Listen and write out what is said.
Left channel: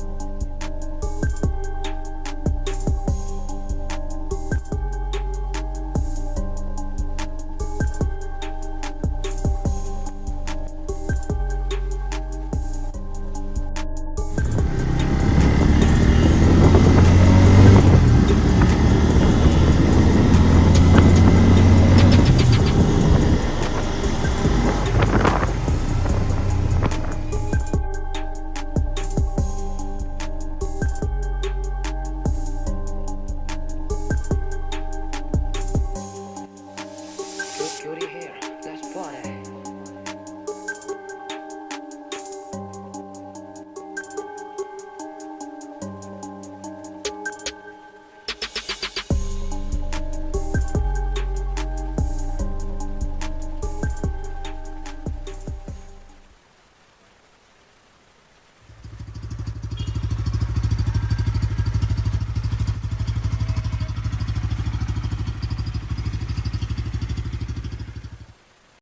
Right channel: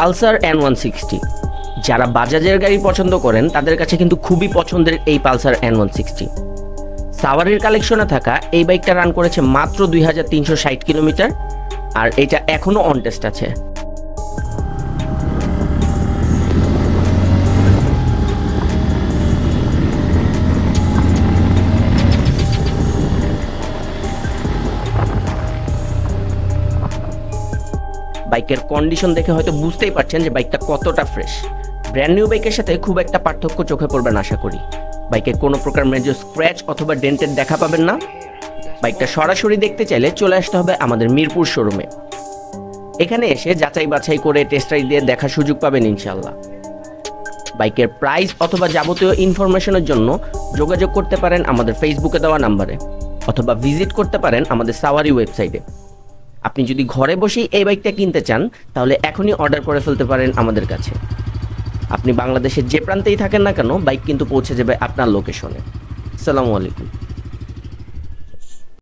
Pulsar N160। যারা বাজাজের গাড়ি পছন্দ করেন তাদের কাছে কিন্তু খুবই পছন্দের এই পালসার N160। সাওয়ারির কালেকশনে থাকা এই বাইকটা রান করেছে মাত্র 2360 কিলোমিটার, আর এটা এখনও অন টেস্ট আছে। বাইকের কন্ডিশন দেখে হয়তো বুঝতেই পারছেন যে বাইকটা কতটা ফ্রেশ। ব্র্যান্ড নিউ বাইকের সাথে খুব একটা পার্থক্য চোখে পড়বে না আশা করি। বাইকে কোনো প্রকার মেজর স্ক্র্যাচ অথবা ডেন্টের দেখা পাবেন না। বাইকটা সরাসরি দেখতে চাইলে চলে আসতে হবে আমাদের মিরপুর শোরুমে। এখানে এসে যাচাই বাছাই করে টেস্ট রাইড দিয়ে দেখার সুযোগ পাবেন ইনশাল্লাহ। বাইকের প্রাইস অথবা যাবতীয় ইনফরমেশনের জন্য যোগাযোগ করতে পারেন আমাদের ফেসবুকে দেওয়া নাম্বারে, অথবা ভিজিট করতে পারেন আমাদের সাওয়ারি ওয়েবসাইটে। আপনি যদি ঘরে বসেই এই বাইকটা কিনতে চান তাহলে এখনই অর্ডার করে ফেলতে পারেন আমাদের কাছে। আপনি বাংলাদেশের যে প্রান্তেই থাকেন না কেন বাইক কিন্তু পৌঁছে যাবে আপনার লোকেশনে। আসসালামু আলাইকুম।